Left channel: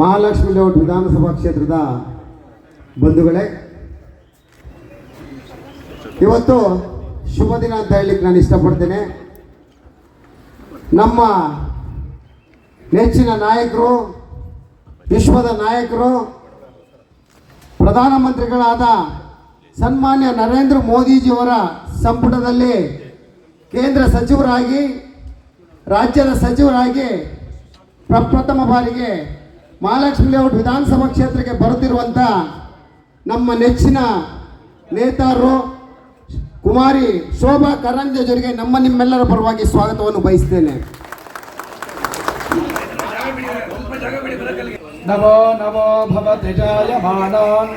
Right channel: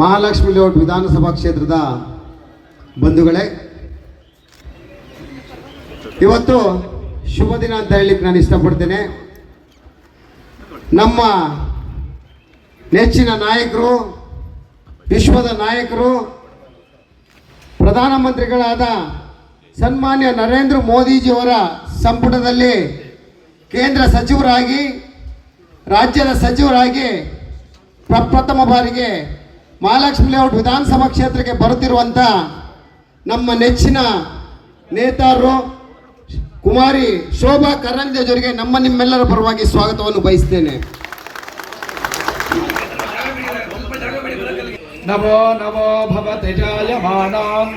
Mahalakshmi layout ವಿಧಾನಸಭಾ ಕ್ಷೇತ್ರದ ಬಂಧುಗಳೇ, ಇವತ್ತು ಶುಭ ದಿನ ಅಂತ ಹೇಳಲಿಕ್ಕೆ ನಾನು ಇಷ್ಟಪಡ್ತೇನೆ. ನಮ್ಮ ನೆಚ್ಚಿನ ನಾಯಕರು, ವಿಶ್ವದ ನಾಯಕರು, ಪ್ರಧಾನಮಂತ್ರಿಗಳಾದ ಸನ್ಮಾನ್ಯ ನರೇಂದ್ರ ಮೋದಿಜಿಯವರ ಸಂಪುಟದಲ್ಲಿ ಕೇಂದ್ರ ಸಚಿವರಾಗಿ, ರಾಜ್ಯದ ಸಚಿವರಾಗಿ ಪ್ರಪ್ರಥಮ ಬಾರಿಗೆ ಮಹಾಲಕ್ಷ್ಮಿ ಲೇಔಟ್ ವಿಧಾನಸಭಾ ಕ್ಷೇತ್ರಕ್ಕೆ ಬರುತ್ತಿರುವಂಥ ನಮ್ಮ ನೆಚ್ಚಿನ ನೇತಾರರು ಕುಮಾರಿ ಶೋಭಾ ಕರಂದ್ಲಾಜೆಯವರಿಗೆ ನಿಮ್ಮೆಲ್ಲರ ಪರವಾಗಿ ಸ್ವಾಗತವನ್ನು ಬಯಸ್ತೇನೆ. ನವೋ ನವೋ ಭವತಿ ಜಾಯಮಾನಾನ್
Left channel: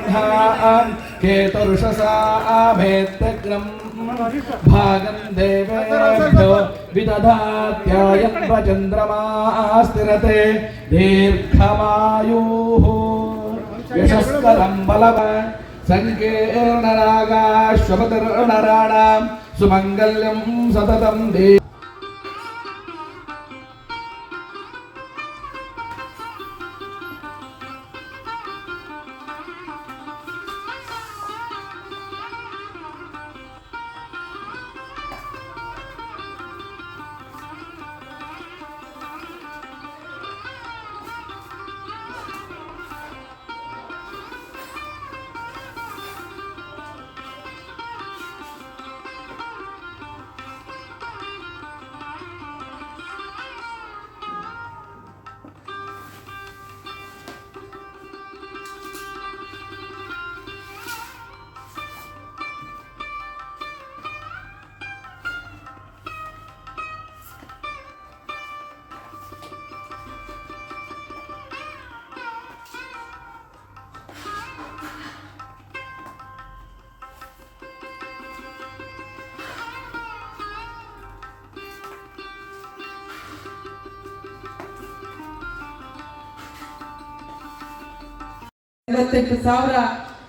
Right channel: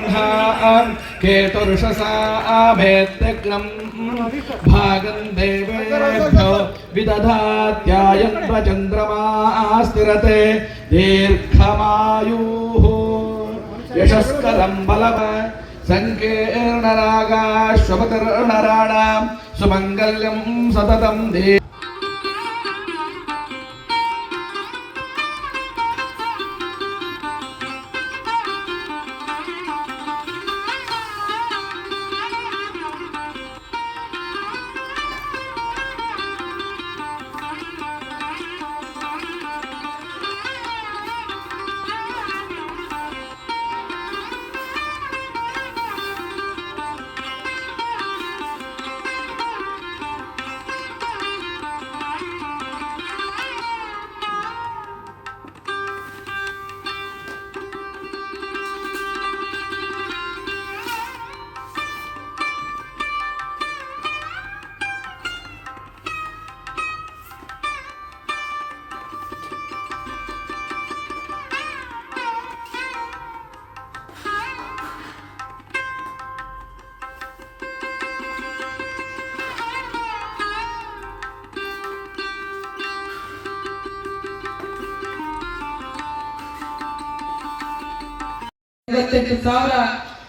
ಕೇತುರುಷಸಾ ಆಭೇತ್ಯಗ್ನಂ ಭಾಗಂ ದೇವೇಭ್ಯೋ ವಿದಧಾತ್ಯಾಯನ್ವ ಚಂದ್ರಮಾ ಸ್ಥಿರತೆ ದೀರ್ಘಮಾಯುಃ ಯಶಸ್ಕರಂ ಬಲವ ಸಂಕೀರ್ಣರಾಗಾಶ್ವಪತಿರ್ನರಾಣಾಂ ಸುಮಂಗಲ್ಯಂ ಸತತಂ ದೇ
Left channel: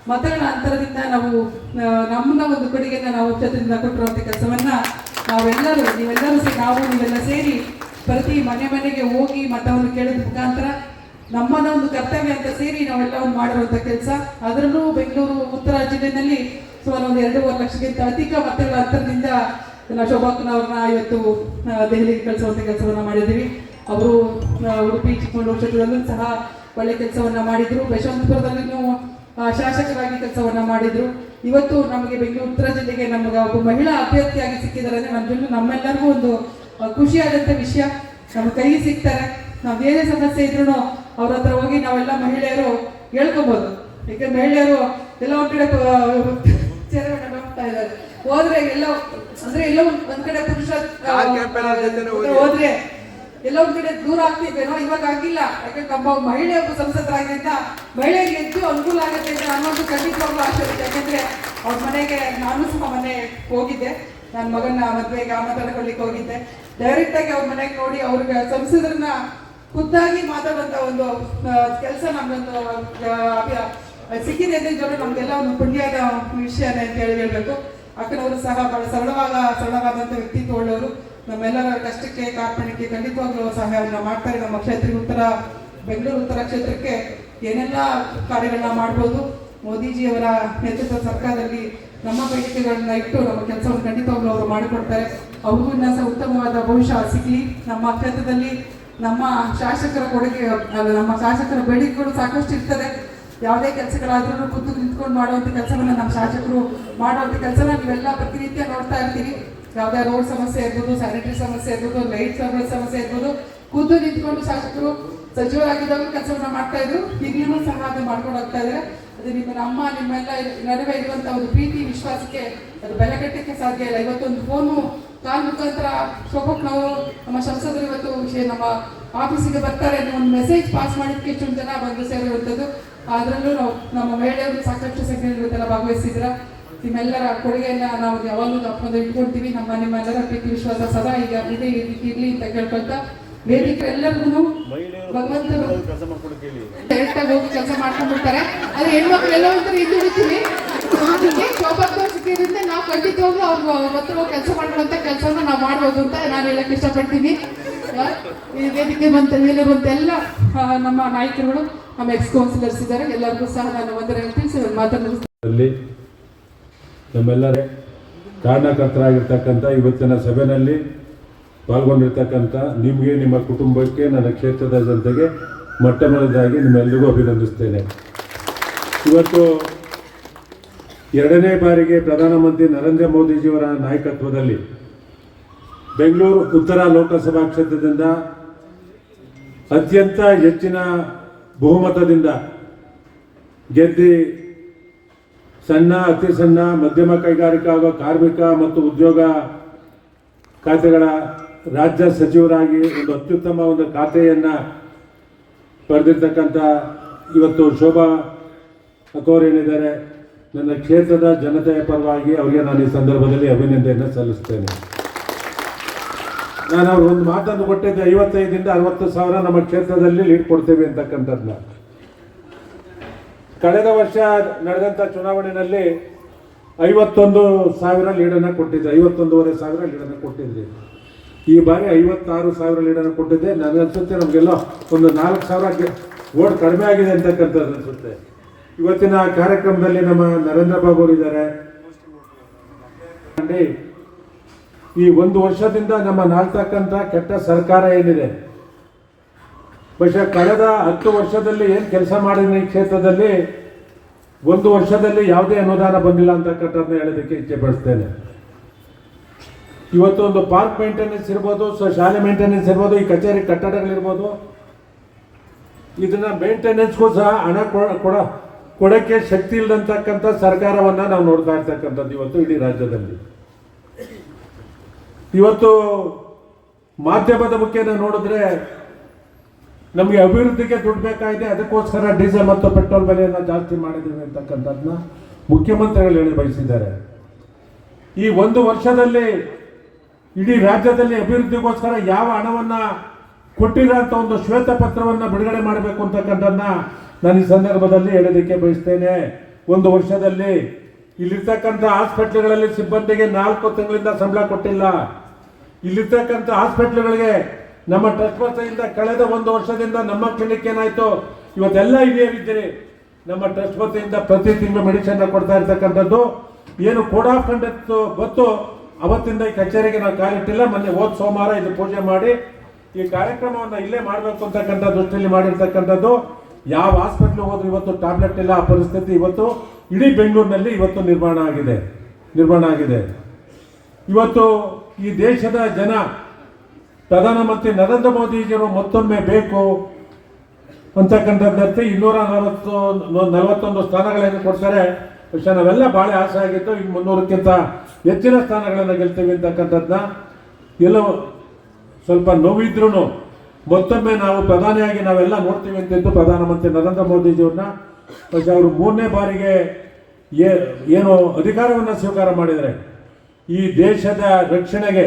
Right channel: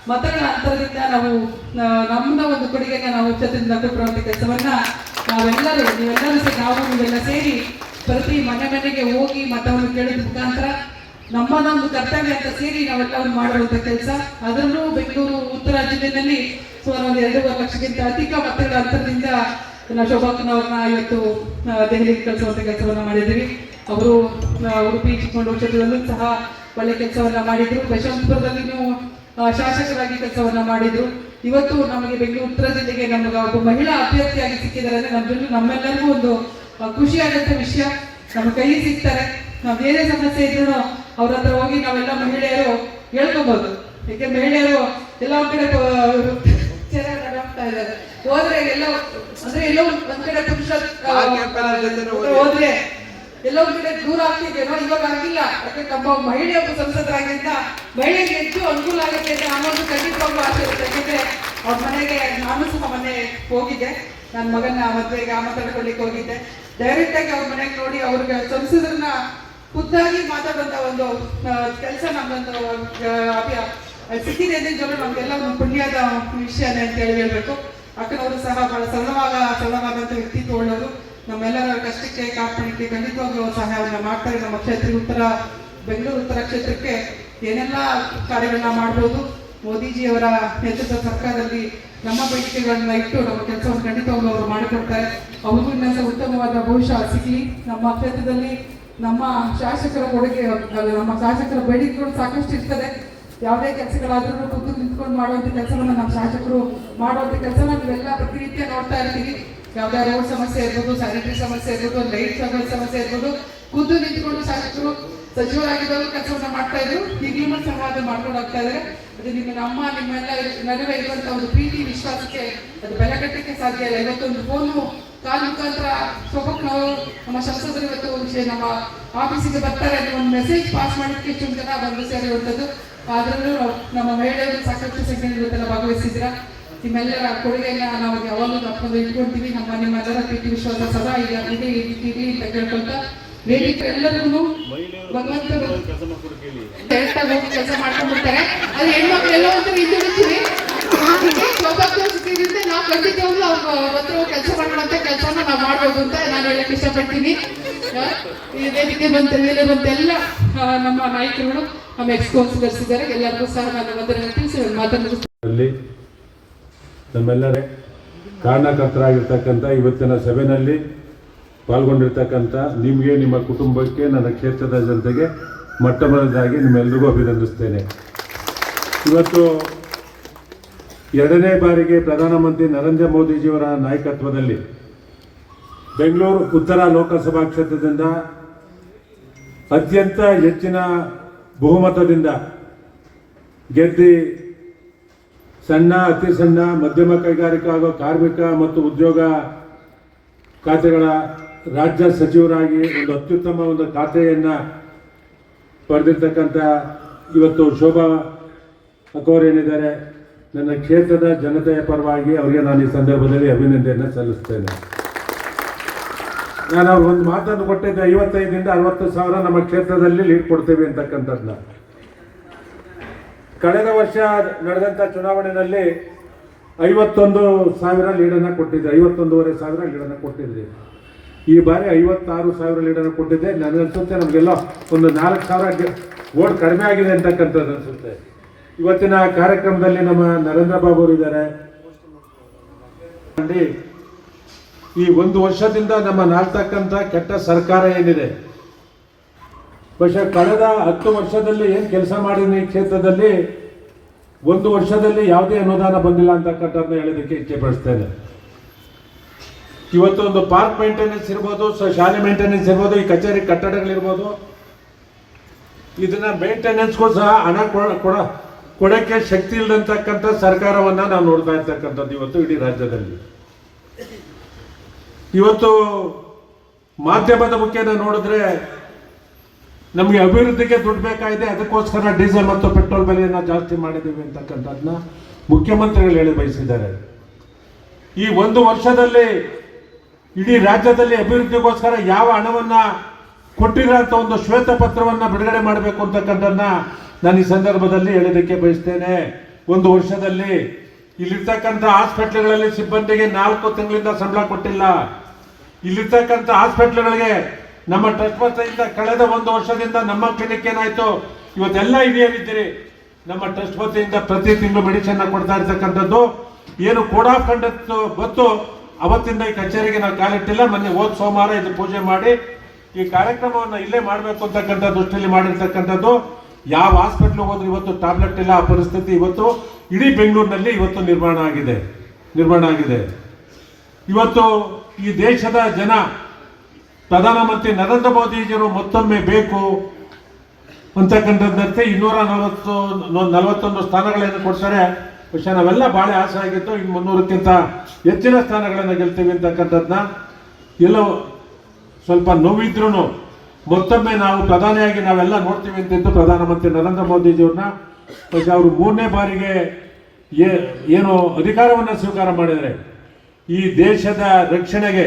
ಮತಗಳ ಅಂತರದಿಂದ ನಾವು ನಮ್ಮನ್ನ ಒಂದು ಕೊಡುಗೆಯನ್ನು ನಾವು ಉಚ್ಚದಿಂದ ಕೊಟ್ಟಿರುವಂಥ ಕೆಲಸವನ್ನ ನೀವೆಲ್ಲರೂ ಸೇರಿ ಪ್ರತಿ ಮನೆಗೆ ಹೋಗಿ ಮತವನ್ನು ಕೇಳೋದ್ರ ಮುಖಾಂತರ ನಮ್ಮನ್ನ ಒಂದು ಕರ್ತವ್ಯ ಅಂತ ಸೇರಿ ನಾವೆಲ್ಲವನ್ನು ಮಾಡಿರುವಂಥ ಕೆಲಸ. ಅದರಲ್ಲೂ ಬೆಂಗಳೂರು ಉತ್ತರ ಜಿಲ್ಲೆಯಲ್ಲಿ ಸುಮಾರು ಒಂದು 2.5 ಲಕ್ಷಕ್ಕಿಂತ ಅಧಿಕ ಮತಗಳ ಅಂತರದಿಂದ ಶೋಭಾಕ್ಕನವ್ರನ್ನ ಇವತ್ತು ದೆಹಲಿಗೆ ಕಳಿಸುವಂಥ ಕೆಲಸವನ್ನ ಮಾಡಿದ್ದೀವಿ. ಅವರು ಉಡುಪಿ ಚಿಕ್ಕಮಗಳೂರು ಕ್ಷೇತ್ರದಲ್ಲೂ ಸಹ ಒಳ್ಳೆ ಕೆಲಸವನ್ನ ಮಾಡಿದ್ರು. ಯಶವಂತಪುರದಲ್ಲಿನೂ ಶಾಸಕರಾಗಿ ಕೆಲಸವನ್ನ ಮಾಡಿದ್ರು. ಇವತ್ತು ನಮಗೆ ಬೆಂಗಳೂರು ಉತ್ತರ ಜಿಲ್ಲೆಗೆ ನಮಗೆ ಒಬ್ಬ ಮಹಿಳಾ ಅಭ್ಯರ್ಥಿಯಾಗಿ ಸಿಕ್ಕಿದ್ದಾರೆ ಅಂದ್ರೆ ನಮ್ಮೆಲ್ಲರಿಗೂ ಒಂದು ಖುಷಿಯಾದಂಥ ವಿಷಯ. ನಮ್ಮ ಕೈಗೆ ಸಿಗ್ತಾರೆ. ನಾವು ಏನೇ ಸಮಸ್ಯೆ ಇದ್ರು ಅವ್ರ ಹತ್ರ ಹೋಗಿ ನಾವೆಲ್ಲ ಮಹಿಳೆಯರು ಹೇಳ್ಕೊಬಹುದು. ಯಾಕೆ ಮಹಿಳೆಯರು ಎಲ್ಲ ಒಂದ್ ಕಡೆ ಹೋಗ್ತಾ ಇದ್ದಾರೆ, ಹೋದ್ರೆ ಎಲ್ಲೋ ಒಂದ್ ಕಡೆ ಪುರುಷ ಹೋದ್ರೆ ಎಲ್ಲೋ ಒಂದ್ ಕಡೆ ದೂರ ಆಗ್ತಿದ್ದೇನೋ, ಇವಾಗ ಆಗಿಲ್ಲ. ಯಾಕಂದ್ರೆ ನಮ್ಮ ಮಹಿಳೆ ಒಬ್ಬ ಸಂಸದರಾಗಿಂದ ಮಹಿಳೆಗೆ ಹೆಚ್ಚು ಅನುಕೂಲ ಆಗುತ್ತೆ ಅಂತ ನನ್ನೊಂದು ಖಂಡಿತವಾಗ್ಲೂ ಆಸೆ ಇರುತ್ತೆ. ಯಾಕಂದ್ರೆ ಅವ್ರ ಮನೆಗೆ ನಾನು ಸಹ ಮನೆ ಹೋಗಿದ್ದೆ, ನನ್ನ ಮಗನ ಮದುವೆಗೆ ಮಾತಾಡ್ಕೊಳ್ಳಿಕ್ಕೆ ಹೋಗಿದ್ದೆ. ಡೈರೆಕ್ಟ್ ಆಗಿ ಅವ್ರ ಮನೆಗೆ ನೋಡಿ ಅವ್ರಿಗೆ ಸಂಸದರನ್ನ ಖುದ್ದಾಗಿ ಮಾತಾಡುವಂತ ಒಂದು ಕೆಲಸ ನಮ್ದೊಂದು ಸಿಕ್ಕಿದೆ ಅಂತ ನಮ್ಗೆಲ್ಲ ಒಂದು ಪುಣ್ಯದ ವಿಷಯನೇ ಅಂತ ಹೇಳ್ಬೇಕು. ಅಕ್ಕನವರು ಸಹ ಬಹಳ ಸರಳವಾದಂಥ ವ್ಯಕ್ತಿತ್ವ ಉಳ್ಳವರು. ನಮ್ಮೆಲ್ಲರ ಕಷ್ಟಕ್ಕೆ ಕಾರ್ಪಣ್ಯಕ್ಕೆ ಖಂಡಿತವಾಗ್ಲೂ ಸಹಾಯವನ್ನು ಮಾಡ್ತಾರೆ. ನಮ್ಮ ಬೆಂಗಳೂರು ಉತ್ತರ ಕ್ಷೇತ್ರಕ್ಕೆ ಏನೆಲ್ಲ ಕಾರ್ಯಗಳನ್ನ ಮಾಡ್ಬೋದು, ಮೋದಿಜಿಯವರ ನೇತೃತ್ವ ಸರ್ಕಾರದಲ್ಲಿ ನಮ್ಮ ಬೇಡಿಕೆಗಳನ್ನ ಇಟ್ಟು ನಮ್ಮ ಕೆಲಸವನ್ನು ಖಂಡಿತವಾಗ್ಲೂ ಅವರು ಮಾಡಿಕೊಡ್ತಾರೆ. ಅವ್ರಿಗೂ ಇನ್ನೊಂದು ಉತ್ತಮವಾದ ಭವಿಷ್ಯ ಸಿಗಲಿ. ನಮ್ಮ ಕ್ಷೇತ್ರದಲ್ಲಿ ನಮ್ಮ ಶಾಸಕರ ಕೊಡುಗೆ, ನಮ್ಮ ಶಾಸಕರ ಬೇಡಿಕೆಗಳು ಸಾಕಷ್ಟು ಇರ್ತದೆ. ಯಾವುದೇ ಕೆಲಸಗಳಾದ್ರೂ ಖುದ್ದು ನಿಂತ್ಕೊಂಡು ಮಾಡುವಂಥ ಕೆಲಸವನ್ನ ನಮ್ಮ ಶಾಸಕರು ಮಾಡುವಂಥ ಕೆಲಸನ ನೀವೆಲ್ಲ ಪ್ರತಿನಿತ್ಯ ನೋಡ್ತಾ ಇರ್ತೀವಿ. ಯಾವುದೇ ರೋಡ್ ಸಮಸ್ಯೆ ಇರ್ಬೋದು, ಸ್ಯಾನಿಟರಿ ಸಮಸ್ಯೆ ಇರ್ಬೋದು, ಲೈಟ್ ಸಮಸ್ಯೆ ಇರ್ಬೋದು, ಖುದ್ದು ನಿಂತ್ಕೊಂಡು ಶಾಸಕರು ಸಚಿವರಾಗಿದ್ದರೂ ಕೆಲಸವನ್ನ ಮಾಡ್ತಾ ಇದ್ರು. ಈಗಲೂ ಸಹ ಅದು ಮಾಡ್ಕೊಂಡು ಹೋಗ್ತಾ ಇದ್ದಾರೆ. ಅದು ನಿಮ್ಮೆಲ್ಲ ನಡುವೆ ಇರುವಂತಹ ಒಂದು ಪ್ರೀತಿ ವಿಶ್ವಾಸಕ್ಕೆ ಅದು ಬೆಲೆ ಕಟ್ಟಕ್ಕೆ ಸಾಧ್ಯ ಇಲ್ಲ. ಇವತ್ತೊಂದು ಫೋನು ಕಾಲ್ ಮುಖಾಂತರ ನಾವು ನಮ್ಮ ಸಂಸದರು ಇವತ್ತು ನಮ್ಮ ಆಫೀಸಿಗೆ ಬರ್ತಾರೆ ಅಂತ ಒಂದು ಮೆಸೇಜ್ ಪಾಸ್ ಮಾಡೋದಕ್ಕೆ ಎಷ್ಟು ಜನ ಬಂದು ಸೇರಿರುವಂಥದ್ದು. ಅದರಲ್ಲೂ ನಮ್ಮ ಮಹಿಳೆಯರು ಸಾಕಷ್ಟು ಸಂಖ್ಯೆಯಲ್ಲಿ ಇವತ್ತೆಲ್ಲ ಭಾಗವಹಿಸಿದ್ರ. ನಿಮ್ಮೆಲ್ಲರ ಕೊಡುಗೆಯನ್ನ ನಾವು ಯಾವಾಗಲೂ ತಪ್ಪಿಕೊಂಡು ಇಟ್ಕೊಳ್ತೀವಿ. ನಿಮ್ಮೆಲ್ಲರ ಪ್ರೀತಿ ವಿಶ್ವಾಸ ಸದಾ ಇದೆ ಇರಲಿ ಅಂತ ಕೇಳ್ಕೊಳ್ತಾ ವೇದಿಕೆ ಎಲ್ಲರಿಗೂ ಭಗವಂತರು ಹೋಗಿ ಕೆಲಸ ಮಾಡ್ಕೊಂಡ್ಬಿಡ್ತಾರೆ. ಅದು ಹೆಣ್ಮಕ್ಳು ಎಲ್ಲ ಅಂತ ಹಿಂದುಳಿತೀವಿ. ನಾವು ಖಂಡಿತವಾಗ್ಲೂ ಅವ್ರ ಹತ್ರ ಕೆಲಸ ಮಾಡುವಂತ ಕೆಲಸನ ನಾವು ಮಾಡ್ಬೋದು ಅಂತ ನಾನು ಹೇಳಕ್ ಇಷ್ಟಪಡ್ತೀನಿ. ಈ ವೇದಿಕೆ ಬಂತ ಮೇಲೆ ಬಂತ ಎಲ್ಲ ನಮ್ಮ ನಾಯಕರುಗಳು ನಮ್ಮ ಎಕ್ಸ್ ಕೌನ್ಸಿಲರ್ಸ್ ಇದ್ದಾರೆ. ಎಲ್ಲರಿಗೂ ಸಹ ನಾನು ವಂದನೆ ತಿಳಿಸಿ ಮಾತನಾಡುತ್ತೇನೆ. ನಮ್ಮೆಲ್ಲರೇ ಕಾರಣಕರ್ತರಾಗಿರ್ತಕ್ಕಂಥ ಇವತ್ತಿನ ಸಭೆಯಲ್ಲಿ ಪಾಲ್ಗೊಂಡಿರ್ತಕ್ಕಂಥ ನಿಮಗೆ, ನಿಮ್ಮ ಕುಟುಂಬಕ್ಕೆ, ನನ್ನ ಕ್ಷೇತ್ರದ ಜನತೆಗೆ ಮೊಟ್ಟ ಮೊದಲದಾಗಿ ನಿಮ್ಮೆಲ್ಲರಿಗೂ ಅಭಿನಂದಿಸ್ತೇನೆ. ಇವತ್ತು ಎರಡನೇ ಬಾರಿಗೆ ಪ್ರಧಾನಮಂತ್ರಿ ನರೇಂದ್ರ ಮೋದಿಜಿಯವರ ನಾಯಕತ್ವದಲ್ಲಿ ಬೆಂಗಳೂರು ಉತ್ತರ ಲೋಕಸಭಾ ಕ್ಷೇತ್ರದಿಂದ ಅತ್ಯಂತ ಹೆಚ್ಚಿನ ಬಹುಮತದಿಂದ ಗೆದ್ದು ಸಣ್ಣ, ಅತಿ ಸಣ್ಣ, ಮಧ್ಯಮ ಕೈಗಾರಿಕಾ ಹಾಗೂ ಕಾರ್ಮಿಕ ಮತ್ತು ಉದ್ಯೋಗ ಖಾತೆಗಳ ರಾಜ್ಯ ಸಚಿವರಾಗಿ ಒಂದು ಅತ್ಯುತ್ತಮ ಒಂದು ಖಾತೆಯನ್ನು ಪಡೆದಿರ್ತಕ್ಕಂಥ ಇವತ್ತು ಶೋಭಾ ಅಕೋರ್ ಏನಿದ್ದಾರೆ, ನನ್ನ ಕ್ಷೇತ್ರದ ಜನತೆಯ ಪರವಾಗಿ ಅವರಿಗೆ ನಾನು ಈ ಸಂದರ್ಭದಲ್ಲಿ ಅಭಿನಂದನೆಯನ್ನು ಸಲ್ಲಿಸ್ತೇನೆ. ನಾನು ಅವ್ರು ಒಂದು ಮಾತನ್ನು ಕೊಟ್ಟಿದ್ದೆ, 55ರಿಂದ 60 ಸಾವಿರ ನಮ್ಮ ಕ್ಷೇತ್ರದಲ್ಲಿ ಲೀಡ್ ಕೊಡ್ತೇವೆ ಅಂತಕ್ಕಂಥದ್ದನ್ನ. ಕಳೆದ ವರ್ಷ ನಡೆದಂಥ ಚುನಾವಣೆಯಲ್ಲಿ 51,000 ಲೀಡನ್ನು ಕೊಟ್ಟಿದ್ದೆ, 51,500 ಲೀಡನ್ನು ಕೊಟ್ಟಿದ್ದೆ. ಈ ಬಾರಿ 56,000 ಲೀಡನ್ನು ಕೊಟ್ಟಿದ್ದೆ. ನನಗನ್ಸುತ್ತೆ ನಮಗೆಲ್ಲ ಒಂದು 4,000 ಓಟ್ ಕಡಿಮೆ ಆಗಿದೆ ಅಂತಕ್ಕಂಥದ್ದು ಅನಿಸುತ್ತೆ. ಇವತ್ತಿನ ಕಾರ್ಯಕ್ರಮದಲ್ಲಿ ನಮ್ಮ ನರೇಂದ್ರ ಬಾಬು ಅವರು ಇದ್ದಾರೆ. ಈ ಒಂದು ವರ್ಷದಿಂದ ನಮ್ಮ ನಾಲ್ತಕ್ಕಂಥ ಕೆಟ್ಟ ಸರ್ಕಾರ ಏನಿದೆ, പക്ഷേ ಕಳೆದ 10 ವರ್ಷದಲ್ಲಿ ಏನು ಕೆಲಸ ಮಾಡಿದ ಈ ಕ್ಷೇತ್ರದಲ್ಲಿ ಒಂದು ವರ್ಷದಲ್ಲಿ ಯಾವುದೇ ಅನುದಾನ ಬಂದಿಲ್ಲ ಅಂತಕ್ಕಂಥದ್ದನ್ನ ಹೇಳೋದಕ್ಕೆ ಇಚ್ಛೆ ಪಡಿಸ್ತೇನೆ. ಇವತ್ತು ಒಂದು ಪಾರ್ಕ್ ಮೇಂಟೆನೆನ್ಸ್ ಇರ್ಬೋದು, ಶಾಲೆ ಮೇಂಟೆನೆನ್ಸ್ ಇರ್ಬೋದು, ಈ ಕಚೇರಿ ಕಟ್ಟಡಗಳಿರ್ಬೋದು, ಇದನ್ನ ಮೇಂಟೆನೆನ್ಸ್ಗೂ ಸಹ ಹಣ ಕೊಡೋಕ್ಕೆ ಶಕ್ತಿ ಇಲ್ಲದಂತಕ್ಕಂಥ ಸರ್ಕಾರವನ್ನು ನಾವು ನೋಡ್ತಾ ಇರ್ತಕ್ಕಂಥದ್ದು ಇವತ್ತು ಇಡೀ ರಾಜ್ಯದಲ್ಲಿ. ಇವತ್ತು ಮಾಧ್ಯಮದ ಮುಖೇನ ನೋಡಿದ್ರೆ ನಮಗೆ ಅಭಿವೃದ್ಧಿಗೆ ದುಡ್ಡು ಬೇಕಾಗಿದೆ, ಅದಕ್ಕೋಸ್ಕರ ಡೀಸೆಲ್ ಮತ್ತು ಪೆಟ್ರೋಲ್ ಬೆಲೆಯನ್ನು ಜಾಸ್ತಿ ಮಾಡಿದ್ದೀವಿ ಅಂತಕ್ಕಂಥದ್ದನ್ನ ಮುಖ್ಯಮಂತ್ರಿಗಳು ಹೇಳಿ ಬಯಸಿದ್ದಾರೆ. ಈ ಒಂದು ವರ್ಷದಲ್ಲಿ ಇಡೀ ರಾಜ್ಯದಲ್ಲಿ ಅಭಿವೃದ್ಧಿಗೋಸ್ಕರ ಯಾವ ಹಣವನ್ನು ಕೊಟ್ಟಿಲ್ಲ ಅಂತ ಒಂದು ಶ್ವೇತಪತ್ರವನ್ನು ಬಿಡುಗಡೆ ಮಾಡಬೇಕು ಅಂತಕ್ಕಂಥದ್ದನ್ನ ನಾನು ಈ ಸಂದರ್ಭದಲ್ಲಿ ಹೇಳೋದಕ್ಕೆ ಬಯಸ್ತೇನೆ. ಒಂದು ವರ್ಷದಲ್ಲಿ ಇಲ್ಲಿರ್ತಕ್ಕಂಥ ಹಾಸ್ಪಿಟ್ಲ್ಗಳಲ್ಲಿ ಸಿಬ್ಬಂದಿಗೆ 4 ತಿಂಗಳಿಂದ ಸಂಬಳ ಕೊಟ್ಟಿಲ್ಲ. ಇಲ್ಲಿರ್ತಕ್ಕಂಥ ಹಾಸ್ಪಿಟ್ಲ್ಗಳಿಗೆ ನಮ್ಮ ಟ್ರಸ್ಟ್ ವತಿಯಿಂದ ಕಳೆದ ಒಂದು ವರ್ಷದಿಂದ ನಮ್ಮ ಕ್ಲಿನಿಕ್ ಏನಾಯ್ತು, ಇವತ್ತೆಲ್ಲ ಹಿರಿಯರಿದ್ದೀರಿ. ನಮ್ಮ ಟ್ರಸ್ಟ್ ವತಿಯಿಂದ ಪ್ರತಿ ತಿಂಗಳು ಮೆಡಿಸಿನ್ ಕೊಡ್ತಾ ಇರ್ತಕ್ಕಂಥದ್ದು ಏನು ಕೋಡ್ ಆಫ್ ಕಂಡಕ್ಟ್ ಗೊತ್ತು, ಅವತ್ತಿಂದ ಈ ಕಚೇರಿಗೆ ನಾವು ಕಾಲಿಟ್ಟಿಲ್ಲ. ಮೊನ್ನೆ ಹೋದ ಸೋಮವಾರ ಇದು ಪೂಜೆ ಮಾಡಿ ಈ ಕಾರ್ಯಕ್ರಮವನ್ನು ಇಲ್ಲೇ ಮಾಡಬೇಕು ಅಂತಕ್ಕಂಥ ದೃಷ್ಟಿಯಲ್ಲಿ ಮಾಡಿರ್ತಕ್ಕಂಥದ್ದು. ಯಾವ ಹಾಸ್ಪಿಟ್ಲ್ ಹೋದ್ರೆ ಇವತ್ತು ಟ್ಯಾಬ್ಲೆಟ್ ಇಲ್ಲ, ಆ ಪರಿಸ್ಥಿತಿ ಇವತ್ತು ಇಡೀ ಬೆಂಗಳೂರಿನಲ್ಲಿ ಇವತ್ತು ನಿರ್ಮಾಣ ಆಗಿದೆ. ಇವತ್ತು ಈ ದೇಶದ ಜನ ಪ್ರಧಾನಮಂತ್ರಿ ನರೇಂದ್ರ ಮೋದಿಜಿಯವರು ಮತ್ತೊಮ್ಮೆ ಬೇಕು ಅಂತಕ್ಕಂಥದ್ದಂತೆ 241 ಸ್ಥಾನಗಳನ್ನು ಕೊಡ್ತಾರೆ. പക്ഷേ ನಾವೆಲ್ಲ ಭಾಳ ಆಸೆ ಆಗಿತ್ತು, ಈಗ 300ಕ್ಕಿಂತ ಹೆಚ್ಚಿನ ಸ್ಥಾನಗಳನ್ನು ಗೆಲ್ತೀವಿ ಅಂತಕ್ಕಂಥದ್ದನ್ನ. ಎಲ್ಲೋ ಸ್ವಲ್ಪ ನೋವಿದ್ರೂ ಮತ್ತೊಮ್ಮೆ ನಾವು ಪ್ರಧಾನಿಯಾಗಿ ನಾವೆಲ್ಲ ನೋಡ್ತೀವಿ ಅಂತಿದ್ದು ಪ್ರಧಾನಮಂತ್ರಿ ನರೇಂದ್ರ ಮೋದಿಜಿಯವ್ರನ್ನ. പക്ഷേ ಅವರು 3ನೇ ಬಾರಿಗೆ ಏನು ಅಧಿಕಾರವನ್ನು ಸ್ವೀಕಾರ ಮಾಡಿದರೆ ಈ ದೇಶದ ರಕ್ಷಣೆಗೆ,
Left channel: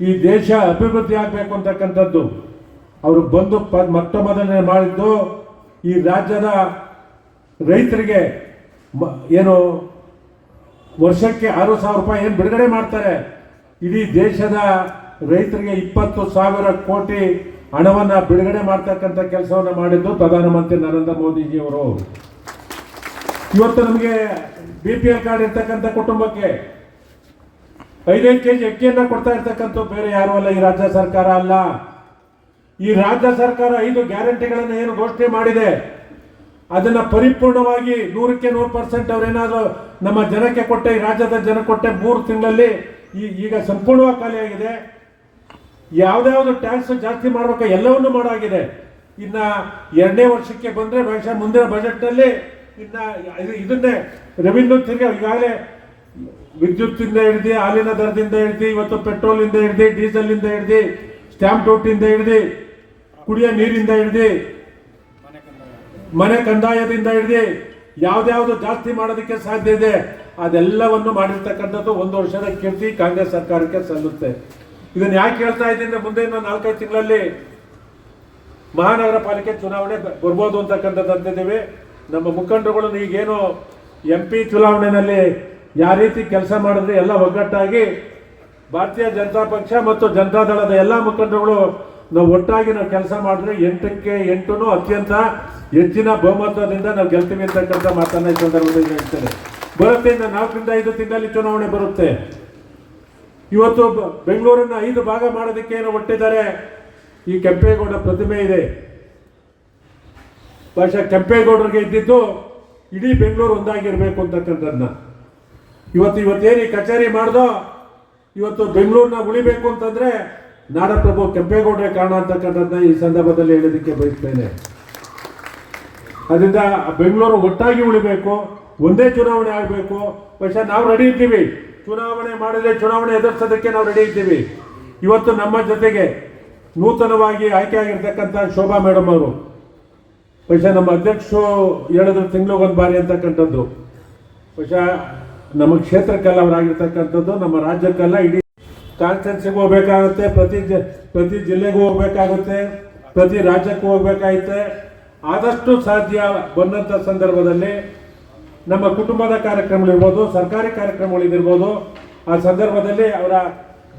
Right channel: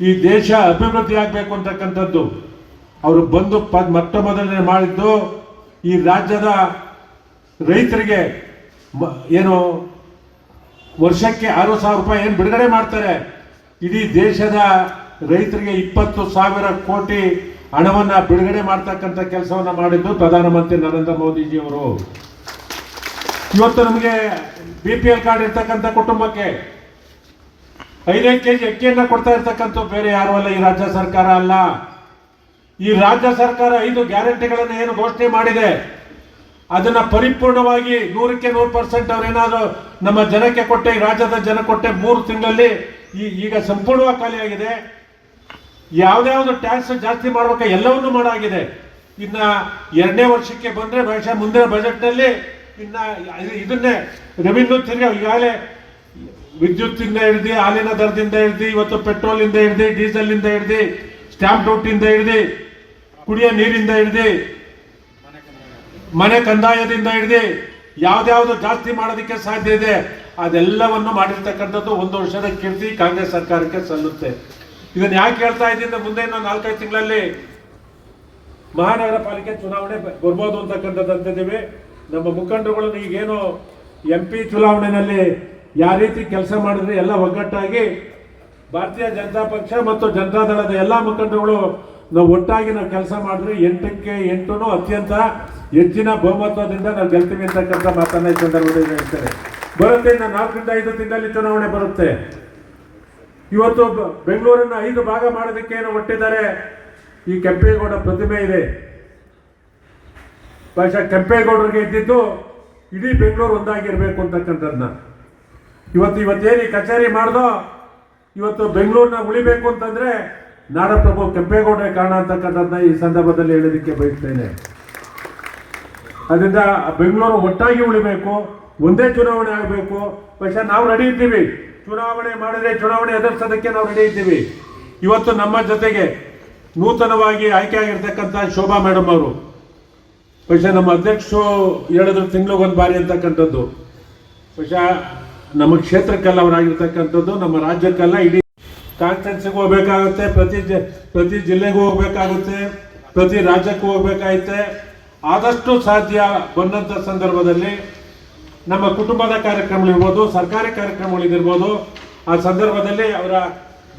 ಈ ದೇಶ ಅಭಿವೃದ್ಧಿ ಆಗಬೇಕು ಅಂತಕ್ಕಂಥದ್ದು ಅವರು ಬಂದು ಮೊಟ್ಟ ಮೊದಲನೇ ಮಾಡಿದ್ದು ಈ ರಾಜ್ಯದ ರೈತರಿಗೆ ಏನು ವರ್ಷಕ್ಕೆ 6,000 ರೂಪಾಯಿ ಏನು ಬಿಡುಗಡೆ ಮಾಡ್ತಾರೆ, ಇಡೀ ದೇಶದ ರೈತರಿಗೆ 20,000 ಕೋಟಿ ಹಣವನ್ನು ಬಿಡುಗಡೆ ಮಾಡ್ತಕ್ಕಂಥ ಕೆಲಸವನ್ನು ಮಾಡಿದ್ದು ಪ್ರಧಾನಮಂತ್ರಿ ನರೇಂದ್ರ ಮೋದಿಜಿಯವರು. ಇವತ್ತು ನಮಗೆ BPL ಕಾರ್ಡ್ ಇರ್ತಕ್ಕಂಥ ಕುಟುಂಬಕ್ಕೆ 5 ಕೆಜಿ ಅಕ್ಕಿಯನ್ನು ಕೊಡ್ತಾ ಇರ್ತಕ್ಕಂಥ ಬೇರೆ ಯಾರು ಅಲ್ಲ, ಈ ರಾಜ್ಯ ಸರ್ಕಾರ ಅಲ್ಲ. ಈ ರಾಜ್ಯ ಸರ್ಕಾರ 5 ಗ್ಯಾರಂಟಿಗಳನ್ನು ಏನು ಘೋಷಣೆ ಮಾಡಿದೆ ಅದನ್ನ ಪರಿಪೂರ್ಣವಾಗಿ 100ಕ್ಕೆ 100% ಅವರೇನಾದರೂ ನಮ್ಮ ಜನಕ್ಕೆ ಕೊಟ್ಟೆ, ಈ ರಾಜ್ಯದ ಜನ ಕೊಟ್ಟೆ 3 ತಿಂಗಳಲ್ಲಿ ಈಗ ಸಂಪೂರ್ಣವಾಗಿ ಖಾಲಿಯಾಗಿದೆ. ಯಾವ್ದಾವ್ದು ಟ್ಯಾಕ್ಸ್ ಜಾಸ್ತಿ ಮಾಡ್ಬೇಕು ಎಲ್ಲವನ್ನೂ ಮಾಡಾಗಿದೆ. ಇನ್ನ 2ನೇ ವರ್ಷಕ್ಕೆ ಬಂದ್ರೆ ಬಹುಶಃ ಮುಂದಿನ ಬಜೆಟ್ನಲ್ಲಿ ಇನ್ನ ಇದನ್ನೇ ರೆವಿನ್ಯೂ ತಿರ್ಗಿ ಈಗಾಗಲೇ ವಿದ್ಯುತ್ತಿಂದ ಹಿಡಿದು, ಹಾಲಿನ ದರದಿಂದ ಹಿಡಿದು, ಇವತ್ತು ಪೆಟ್ರೋಲಿಂದ ಹಿಡಿದು, ಡೀಸೆಲ್ನಿಂದ ಹಿಡಿದು, ಸ್ಟ್ಯಾಂಪ್ ಡ್ಯೂಟಿಯಿಂದ ಹಿಡಿದು, ಕುಡಿಯೋ ನೀರಿಂದ ಹಿಡಿದು, ಮನೆ ಕಂದಾಯದಿಂದ ಹಿಡಿದು ಯಾವ್ದಾವ್ದು ಜಾಸ್ತಿ ಮಾಡೋದಕ್ಕೆ ಸಾಧ್ಯ ಇದೆ ಅದೆಲ್ಲವನ್ನು ಮಾಡಿರ್ತಕ್ಕಂಥದ್ದು 1 ವರ್ಷದ ಕೀರ್ತಿ ಕಾಂಗ್ರೆಸ್ ಸರ್ಕಾರಕ್ಕೆ ಸಲ್ಲುತ್ತೆ. ಇದನ್ನ ಯಾಕೆ ಹೇಳ್ತಾ ಇದ್ದೀನಿ, ಮುಂದೆ ಇನ್ನೊಂದು 4-5 ತಿಂಗಳಲ್ಲಿ ಮಹಾನಗರ ಪಾಲಿಕೆ ಚುನಾವಣೆ ಬರ್ಬೋದು ಅಂತಕ್ಕಂಥದ್ದು ಅಂತಿದ್ದೀವಿ. ನಮ್ಮ ಮುಖಂಡರುಗಳು ಈಗೇನು MP ಚುನಾವಣೆಯಲ್ಲಿ ಯಾವ ರೀತಿ ಕೆಲಸ ಮಾಡಿದ್ರೆ ಎಲ್ಲ ಒಗ್ಗಟ್ಟಾಗಿ ಭಾರತೀಯ ಜನತಾ ಪಕ್ಷ ಮತ್ತು ಜನತಾದಳದ ಎಲ್ಲ ಮುಖಂಡರುಗಳು ನಾವು ಒಟ್ಟಾಗಿ ನಾವು ಕೆಲಸ ಮಾಡಿದ್ರೆ 8ಕ್ಕೆ 8 ಅತ್ಯಂತ ಹೆಚ್ಚಿನ ಬಹುಮತದಿಂದ ನಾವು ಗೆಲ್ತೀವಿ ಅಂತಕ್ಕಂಥ ಮಾತನ್ನ ಈ ಸಂದರ್ಭದಲ್ಲಿ ಹೇಳ್ತೇನೆ. ಬರುತ್ತೆ, ಇನ್ನು 4ರಿಂದ 5 ತಿಂಗಳಲ್ಲಿ ಚುನಾವಣೆ ಬರುತ್ತೆ. ಇವತ್ತು ಬೆಂಗಳೂರನ್ನು 5 ಭಾಗ ಮಾಡೋದಕ್ಕೆ ಏನೋ ಹೊಟ್ಟಿದ್ದಾರೆ. ಈ ಕೆಂಪೇಗೌಡ ಪ್ರತಿಮೆ ಇದೆ, ಬಹುಶಃ ಕೆಂಪೇಗೌಡರಿಗೆ ಇದ್ದಿದ್ದು ಇಡೀ ಬೆಂಗಳೂರು ಒಂದಾಗಿರ್ಬೇಕು ಅಂತಕ್ಕಂಥದ್ದನ್ನ ಇವತ್ತೇನು ಈ ಕಚೇರಿ ಮಾಡ್ದೋ, ಇವತ್ತು ಬೆಂಗಳೂರನ್ನ ಉಳಿಬೇಕು ಅಂತಂದ್ರೆ ನಾಡಪ್ರಭು ಕೆಂಪೇಗೌಡರೇ ಕಾರಣ ಅಂತಕ್ಕಂಥದ್ದನ್ನ ಈ ಸಂದರ್ಭದಲ್ಲಿ ಹೇಳೋದಕ್ಕೆ ಬಯಸ್ತೇನೆ. ಅದರಿಂದ ಬೆಂಗಳೂರು ಒಟ್ಟಾಗಿ ಉಳಿಬೇಕು, ಒಂದೇ ಚುನಾವಣೆ ಆಗಬೇಕು. ಬಹುಶಃ ನಾವು ರೆಡಿ ಇದ್ದೀವಿ, ಚುನಾವಣೆ ಮಾಡಿದ್ರೆ ಚುನಾವಣೆ ಎದುರಿಸೋದಕ್ಕೆ ನಾವು ರೆಡಿ ಇದ್ದೀವಿ. ಇವತ್ತು ನಮ್ಮ ಜೊತೆಗೆ ನೂತನವಾಗಿ ಆಯ್ಕೆಯಾಗಿರ್ತಕ್ಕಂಥ ಶೋಭಾ ಮೇಡಮ್ ಅವರು, ಬಹುಶಃ ನಮ್ಮ ಅಧ್ಯಕ್ಷರು ಹೇಳಿದ್ರು ತಿಂಗಳಿಗೊಂದು ಬಾರಿ ಅಂತಕ್ಕಂಥದ್ದು, ಬಹುಶಃ ನಮ್ಮ ಕ್ಷೇತ್ರಕ್ಕೆಲ್ಲ ಅವರಾಗಿರ್ತಕ್ಕಂಥದ್ದು, ನಮ್ಮ ರಾಜ್ಯಕ್ಕೆಲ್ಲ ಇಡೀ ಕಾನ್ಸ್ಟಿಟ್ಯೂನ್ಸಿಗೆ ಹೋಗ್ಬೇಕಾಗುತ್ತೆ, ಪ್ರತಿ ಜಿಲ್ಲೆಗೂ ಹೋಗ್ಬೇಕಾಗುತ್ತೆ, ಪ್ರತಿ ರಾಜ್ಯಕ್ಕೂ ಹೋಗ್ಬೇಕಾಗುತ್ತೆ. ಆದಷ್ಟು ಸಾಧ್ಯ ಬಂದಂಥ ಸಂದರ್ಭದಲ್ಲಿ ನಮ್ಮ ಕುಟುಂಬದ ಕಾರ್ಯಕ್ರಮಗಳಿರ್ಬೋದು, ಸರ್ಕಾರಿ ಕಾರ್ಯಕ್ರಮಗಳಿರ್ಬೋದು, ಆ ಸಂದರ್ಭದಲ್ಲಿ ಅವರ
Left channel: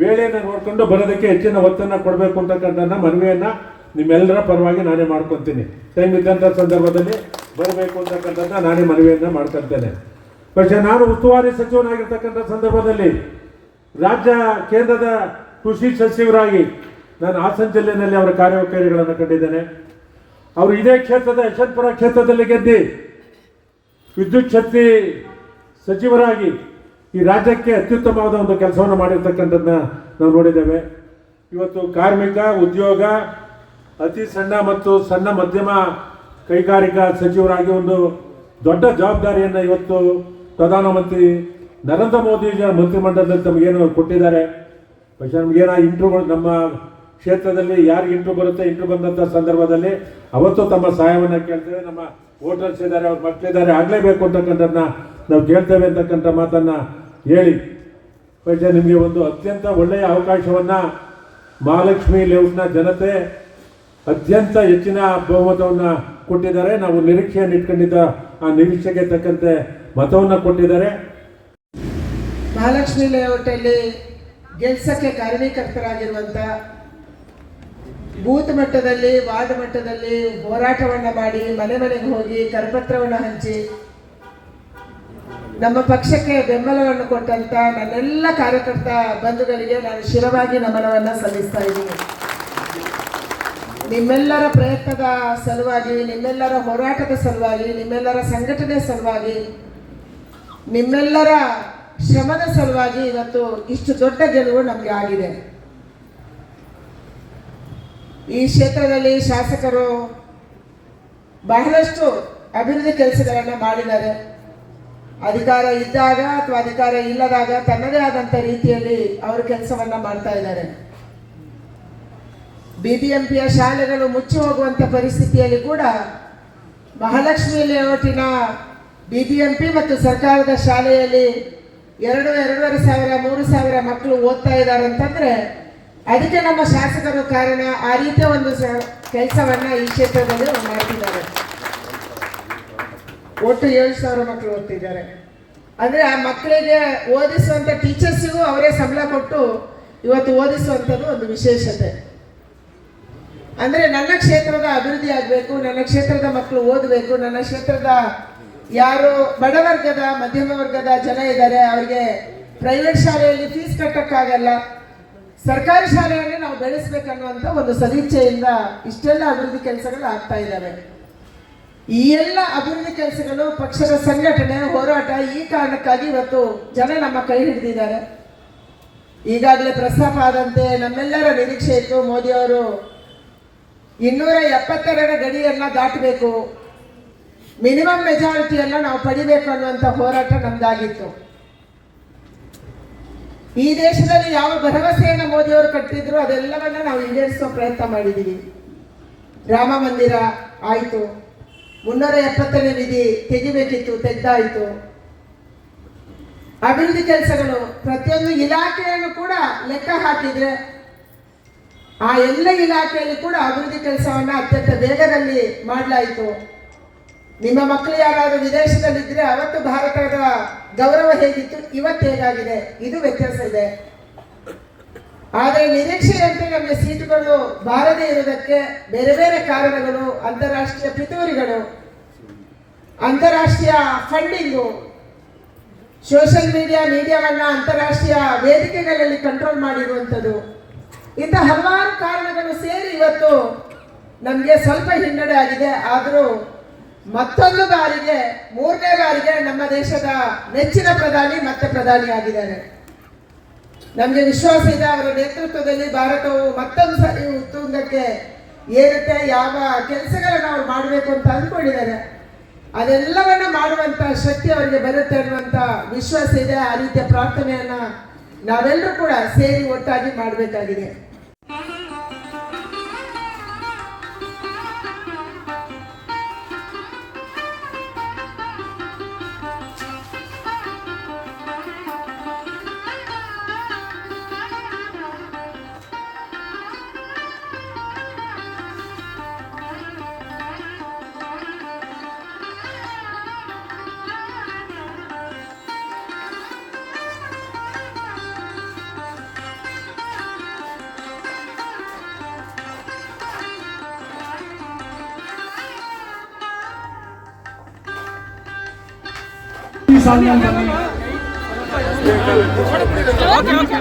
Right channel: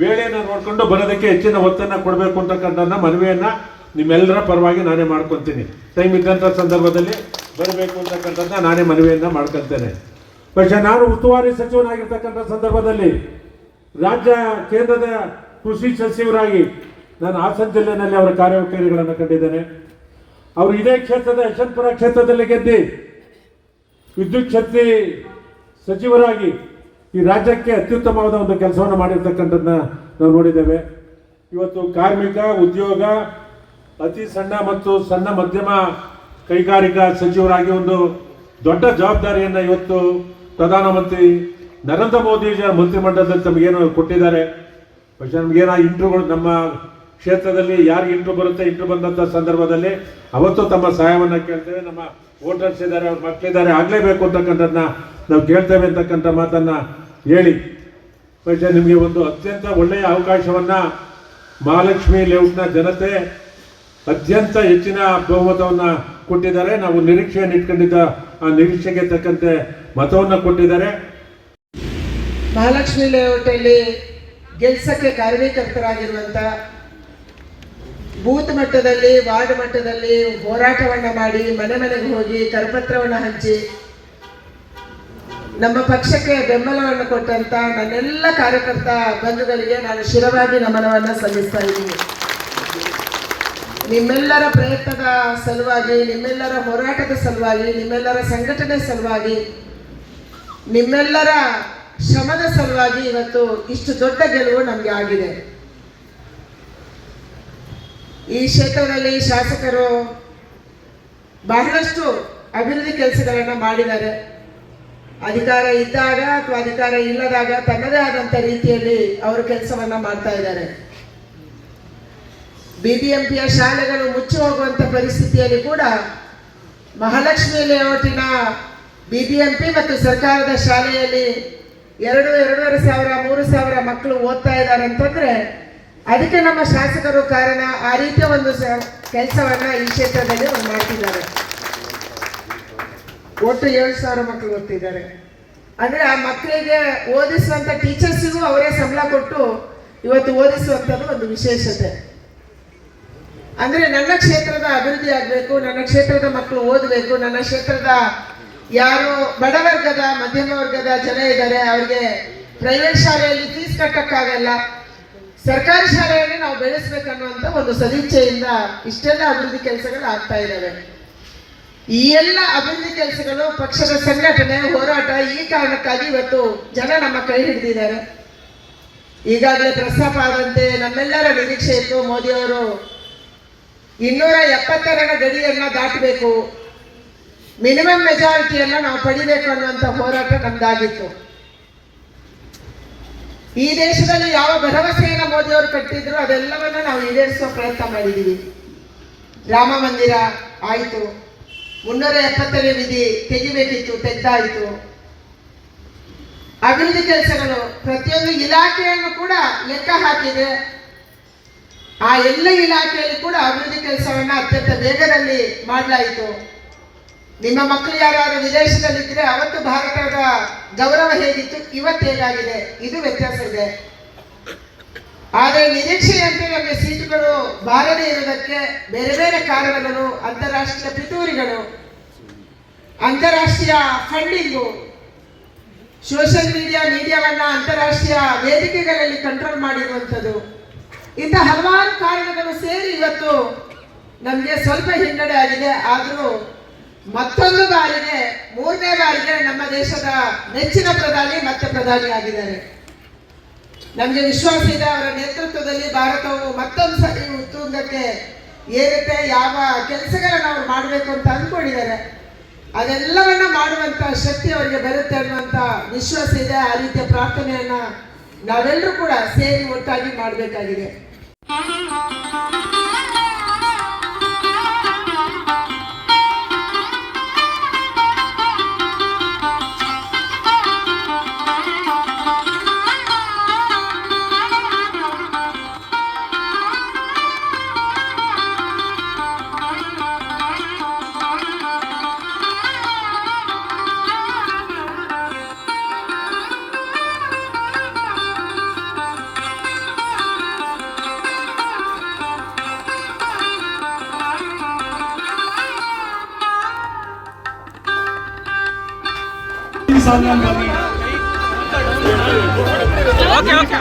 ವೇಳೆಯನ್ನು ನೋಡಿಕೊಂಡು ಬರೋದಕ್ಕೆ ಹೆಚ್ಚಿನ ಒತ್ತನ್ನು ಕೊಡಬೇಕು ಅಂತಕ್ಕಂಥ ಮನವಿಯನ್ನು ನಿಮ್ಮೆಲ್ಲರ ಪರವಾಗಿ ನಾನೇ ಮಾಡ್ಕೊತೀನಿ. ಟೈಮ್ ಇದ್ದಂಥ ಸಂದರ್ಭದಲ್ಲಿ ಬರಬೇಕು ಅಂತಕ್ಕಂಥದ್ದನ್ನ ನಾನೇ ಮನವಿಯನ್ನು ಮಾಡ್ಕೊತೇನೆ. പക്ഷേ ನಾನು ಉಸ್ತುವಾರಿ ಸಚಿವನಾಗಿರ್ತಕ್ಕಂಥ ಸಂದರ್ಭದಲ್ಲಿ ರಾಜ್ಯ ಕೇಂದ್ರದ ಕೃಷಿ ಸಚಿವರಾಗಿ ನಾನು ಹಾಸನ ಜಿಲ್ಲೆಯಲ್ಲಿ ಅವರ ಕಾರ್ಯವೈಖರಿಗಳನ್ನು ಕಂಡಿದ್ದೇನೆ. ಅವರು ಇದೇ ಕ್ಷೇತ್ರದ ಯಶವಂತಪುರ ಕ್ಷೇತ್ರದಲ್ಲಿ ಗೆದ್ದು ವಿದ್ಯುತ್ ಶಕ್ತಿ ಸಚಿವರಾಗಿ ಈ ರಾಜ್ಯಕ್ಕೆ ಅತ್ಯುತ್ತಮವಾದ ಒಂದು ಕೆಲಸವನ್ನು ಮಾಡಿರ್ತಕ್ಕಂಥದ್ದನ್ನ ನಾವು ನೋಡಿದ್ದೇವೆ. ಇವತ್ತು ಕಾರ್ಮಿಕ ಉದ್ಯೋಗ ಅತಿ ಸಣ್ಣ ಮತ್ತು ಸಣ್ಣ ಮಧ್ಯಮ ಕೈಗಾರಿಕಾ ಸಚಿವರಾಗಿ ಒಂದು ದೊಡ್ಡ ಜವಾಬ್ದಾರಿಯನ್ನು ಇವತ್ತು ಪ್ರಧಾನಮಂತ್ರಿ ನರೇಂದ್ರ ಮೋದಿಯವರ ಮಂತ್ರಿಮಂಡಲದಲ್ಲಿ ತಮಗೇನು ಕೊಟ್ಟಿದ್ದಾರೆ. പക്ഷേ ನಮಗೇನೋ ಇಂಟ್ರ್ಯೂಗಳು ನಮ್ಮ ಕ್ಷೇತ್ರದಲ್ಲಿ ಯಾರಿಗೆ ಇಂಟ್ರ್ಯೂ ಬರುತ್ತೆ, ಇಂಟ್ರ್ಯೂ ಬಂದಂಥ ಸಂದರ್ಭದಲ್ಲಿ ಅವತ್ತು ತಮ್ಮ ಸಹಾಯವನ್ನು ಕೇಳ್ತೇವೆ. ನಮ್ಮ ವೋಟರ್ಸ್ ಇದ್ದಾರೆ, ಅವ್ರ ಮಕ್ಕಳಿದ್ದಾರೆ, ಆಗಲೇಬೇಕು ಅಂತಕ್ಕಂಥದ್ದನ್ನ ನಾವು ಕೇಳ್ತೇವೆ ಅಂತಕ್ಕಂಥ ಮಾತನ್ನು ಹೇಳಿ, പക്ഷേ ನಿಮಗೆ ಒಂದು ಅತ್ಯಂತ ಒಳ್ಳೆಯ ಅವಕಾಶವನ್ನು ಮಹಾಲಕ್ಷ್ಮಿ ಲೇಔಟ್ನ ಜನತೆ ಅತ್ಯಂತ ಹೆಚ್ಚಿನ ಬಹುಮತವನ್ನು ಕೊಟ್ಟಿದ್ದಾರೆ. ನಾವು ನಿರೀಕ್ಷೆಯನ್ನು ಇಟ್ಕೊಂಡಿದ್ದ ಆ ನಿರೀಕ್ಷೆಗೆ ತಕ್ಕಂತೆ ಮತವನ್ನು ಕೊಟ್ಟಿದ್ದಾರೆ. ಮಹಾಲಕ್ಷ್ಮಿ ಲೇಔಟಲ್ಲಿ ಗೆಲ್ಸಕ್ಕೆ ಕಾರಣೀಕರ್ತರಾಗಿರುವಂಥ ಬೂತ್ ಮಟ್ಟದಲ್ಲಿ ವಾರ್ಡ್ ಮಟ್ಟದಲ್ಲಿ ಹೋರಾಟವನ್ನು ಮಾಡಿ ಮನೆ ಮನೆಗೆ ಹೋಗಿ ಕರಪತ್ರವನ್ನು ಹಂಚಿ ನಮ್ಮ ಪಕ್ಷಕ್ಕೆ ಬೆಂಬಲವನ್ನು ಕೊಟ್ಟಂತ ನನ್ನೆಲ್ಲ ಕಾರ್ಯಕರ್ತ ಬಂಧುಗಳಿಗೆ ನಾನು ಶಿರವಾಗಿ ನಮನವನ್ನು ಸಲ್ಲಿಸ್ತಾ ಇದ್ದೀನಿ. ನಿಮ್ಮೆಲ್ಲರ ಪ್ರಯತ್ನದ ಸಲುವಾಗಿ, ನಿಮ್ಮೆಲ್ಲರ ಹೋರಾಟದ ಸಲುವಾಗಿ, ನಿಮ್ಮೆಲ್ಲರ ಸಂಘಟನೆ ಸಲುವಾಗಿ, ನಿಮ್ಮೆಲ್ಲರ ಶ್ರಮದ ಸಲುವಾಗಿ ಇವತ್ತು ಇಷ್ಟು ದೊಡ್ಡ ಗೆಲುವು ನಮಗೆ ಆಗಿದೆ. ಈ ಕ್ಷೇತ್ರದಲ್ಲಿ ಶಾಸಕರು ಬಹಳಷ್ಟು ಅಭಿವೃದ್ಧಿ ಕೆಲಸಗಳನ್ನು ಮಾಡಿದ್ದಾರೆ. ಅಧಿಕಾರ ಇದ್ದಾಗ ಅಥವಾ ಅಧಿಕಾರ ಇಲ್ಲದಾಗ ತನ್ನದೇ ಆದಂಥ ರೀತಿಯಲ್ಲಿ ಅವರು ಕೆಲಸವನ್ನು ಮಾಡ್ತಾ ಇದ್ದಾರೆ. ಬಿಬಿಎಂಪಿಯ ಶಾಲೆಗಳು ಮುಚ್ಚಿ ಹೋಗುವಂಥ ಪರಿಸ್ಥಿತಿಯಲ್ಲಿ ಕೂಡ ಮಹಾಲಕ್ಷ್ಮಿ ಲೇಔಟಿನ ಬಿಬಿಎಂಪಿ ಮತ್ತು ಸರ್ಕಾರದ ಶಾಲೆಯಲ್ಲಿ 2,500-3,000 ಮಕ್ಕಳು ಓದ್ತಾ ಇದ್ದಾರೆ ಅಂತಂದ್ರೆ ಅದಕ್ಕೆ ನಮ್ಮ ಶಾಸಕರು ಕಾರಣ. ಆ ರೀತಿಯ ಒಂದು ಕೆಲಸವನ್ನ ಈ ಕ್ಷೇತ್ರದಲ್ಲಿ ಮಾಡ್ತಿದ್ದಾರೆ. ಒಟ್ಟು 7,000 ಮಕ್ಕಳು ಓದ್ತಿದ್ದಾರೆ ಅಂದ್ರೆ ಆ ಮಕ್ಕಳಿಗೆ ಓದಿಸುವಂತ ಟೀಚರ್ಸಿಗೂ ಅವರೇ ಸಂಬಳ ಕೊಟ್ಟು ಇವತ್ತು ಓದಿಸುವಂಥದ್ದು ಒಂದು ವಿಶೇಷತೆ. ಅಂದ್ರೆ ನನ್ನ ಕ್ಷೇತ್ರದ ಅಭಿವೃದ್ಧಿ ಆಗಬೇಕು, ನನ್ನ ಕ್ಷೇತ್ರದ ಮಕ್ಕಳು ಓದಬೇಕು, ನನ್ನ ಕ್ಷೇತ್ರದ ಯಾರು ಬಡವರ್ಗದ ಮಧ್ಯಮ ವರ್ಗದ ಜನ ಇದ್ದಾರೆ ಅವ್ರಿಗೆ ಪ್ರೈವೇಟ್ ಶಾಲೆಯಲ್ಲಿ ಫೀಸ್ ಕಟ್ಟಕ್ಕಾಗಲ್ಲ, ಸರ್ಕಾರಿ ಶಾಲೆಯಲ್ಲಿ ನಾವು ಬೆಳೆಸ್ಬೇಕನ್ನುವಂಥ ಒಂದು ಸದಿಚ್ಛೆಯಿಂದ ಇಷ್ಟೆಲ್ಲ ಅಭಿವೃದ್ಧಿ ಕೆಲಸಗಳು ಆಗ್ತಾ ಇದ್ದಾವೆ. ಈ ಎಲ್ಲ ಅಭಿವೃದ್ಧಿ ಕೆಲಸಗಳು ಪಕ್ಷದ ಸಂಘಟನೆ ಹೋರಾಟ ಈ ಕಾರಣಕ್ಕಾಗಿ ಇವತ್ತು ಜನ ನಮ್ಮ ಕೈ ಹಿಡಿದಿದ್ದಾರೆ. ಈಗಾಗಲೇ ಪ್ರಸ್ತಾಪ ಆದಂತೆ ನಮ್ಮೆಲ್ಲರ ನಿರೀಕ್ಷೆ ಇತ್ತು, ಮೋದಿಯವರು 272 ಗಡಿಯನ್ನ ದಾಟಬೇಕು, ಮಿನಿಮಮ್ ಮೆಜಾರಿಟಿಯನ್ನ ನಾವು ಪಡಿಬೇಕು ಅನ್ನುವಂಥ ಹೋರಾಟ ನಮ್ದಾಗಿತ್ತು. ಈ ದೇಶದಲ್ಲಿ ಯಾವ ಭರವಸೆಯನ್ನು ಮೋದಿಯವರು ಕಟ್ಟಿದ್ರು ಅದೆಲ್ಲವನ್ನ ನಾವು ಈಡೇರಿಸುವ ಪ್ರಯತ್ನ ಮಾಡಿದ್ದೀವಿ. ರಾಮ ಮಂದಿರ ಆಯಿತು, 370ನೇ ವಿಧಿ ತೆಗಿಬೇಕಿತ್ತು, ತೆಗ್ದಾಯಿತು. ಅಭಿವೃದ್ಧಿ ಕೆಲಸಗಳು ಪ್ರತಿಯೊಂದು ಇಲಾಖೆಯನ್ನು ಕೂಡ ಲೆಕ್ಕ ಹಾಕಿದ್ರೆ ಆ ಎಲ್ಲ ಇಲಾಖೆಯಲ್ಲಿ ಕೂಡ ಅಭಿವೃದ್ಧಿ ಕೆಲಸವನ್ನ ಅತ್ಯಂತ ವೇಗದಲ್ಲಿ ಮಾಡಲಾಯಿತು. ನಿಮ್ಮ ಮಕ್ಕಳು ಯಾರಾದರೂ ವಿದೇಶದಲ್ಲಿದ್ದರೆ ಅವತ್ತು ಭಾರತದ ಗೌರವ ಹೇಗಿತ್ತು, ಇವತ್ತು ಹೇಗಾಗಿದೆ, ಇದು ವ್ಯತ್ಯಾಸ ಇದೆ. ಆದರೆ ನಿರೀಕ್ಷೆಯಂತೆ ನಮಗೆ ಸೀಟುಗಳು ಬಾರದೇ ಇರುವುದಕ್ಕೆ ಬೇರೆ ಬೇರೆ ಕಾರಣಗಳು, ಅಂತಾರಾಷ್ಟ್ರೀಯ ಪಿತೂರಿಗಳು, ಅಂತಾರಾಷ್ಟ್ರೀಯ ಫಂಡಿಂಗು, ಸೋಷಿಯಲ್ ಮೀಡಿಯಾವನ್ನು ಅಂತಾರಾಷ್ಟ್ರೀಯ ವೇದಿಕೆಗಳಲ್ಲಿ ಕಂಟ್ರೋಲ್ ಮಾಡಿರುವಂಥದ್ದು, ಇಂಥ ಹಲವಾರು ಕಾರಣಗಳು ಸೇರಿ ಇವತ್ತು ನಮಗೆ ಸ್ವಲ್ಪ ಹಿನ್ನಡೆ ಆಗಿದೆ. ಆದರೂ ಮತ್ತೊಂದು ಬಾರಿಗೆ, ಮೂರನೇ ಬಾರಿಗೆ ನಮ್ಮ ದೇಶದ ನೆಚ್ಚಿನ ಪ್ರಧಾನಿ ಮತ್ತೆ ಪ್ರಧಾನಿ ಆಗಿದ್ದಾರೆ. ನಮಗೆ ವಿಶ್ವಾಸ ಇದೆ, ಅವರ ನೇತೃತ್ವದಲ್ಲಿ ಭಾರತವು ಮತ್ತೊಂದು ಸರಿ ಉತ್ತುಂಗಕ್ಕೆ ಏರುತ್ತೆ. ಯಾವ ಕೆಲಸಗಳನ್ನು ಅವರು ಮಾಡಬೇಕು ಅಂತ ಅಂದ್ಕೊಂಡಿದ್ದಾರೆ, ಅದೆಲ್ಲವನ್ನ ಮಾಡುವಂಥ ಶಕ್ತಿ ಅವರಿಗೆ ಬರುತ್ತೆ ಅನ್ನುವಂಥ ವಿಶ್ವಾಸ ಇದೆ. ಆ ರೀತಿಯ ಪ್ರಾರ್ಥನೆಯನ್ನ ನಾವೆಲ್ಲರೂ ಕೂಡ ಸೇರಿ ಒಟ್ಟಾಗಿ ಮಾಡಬೇಕಾಗಿದೆ. Okay okay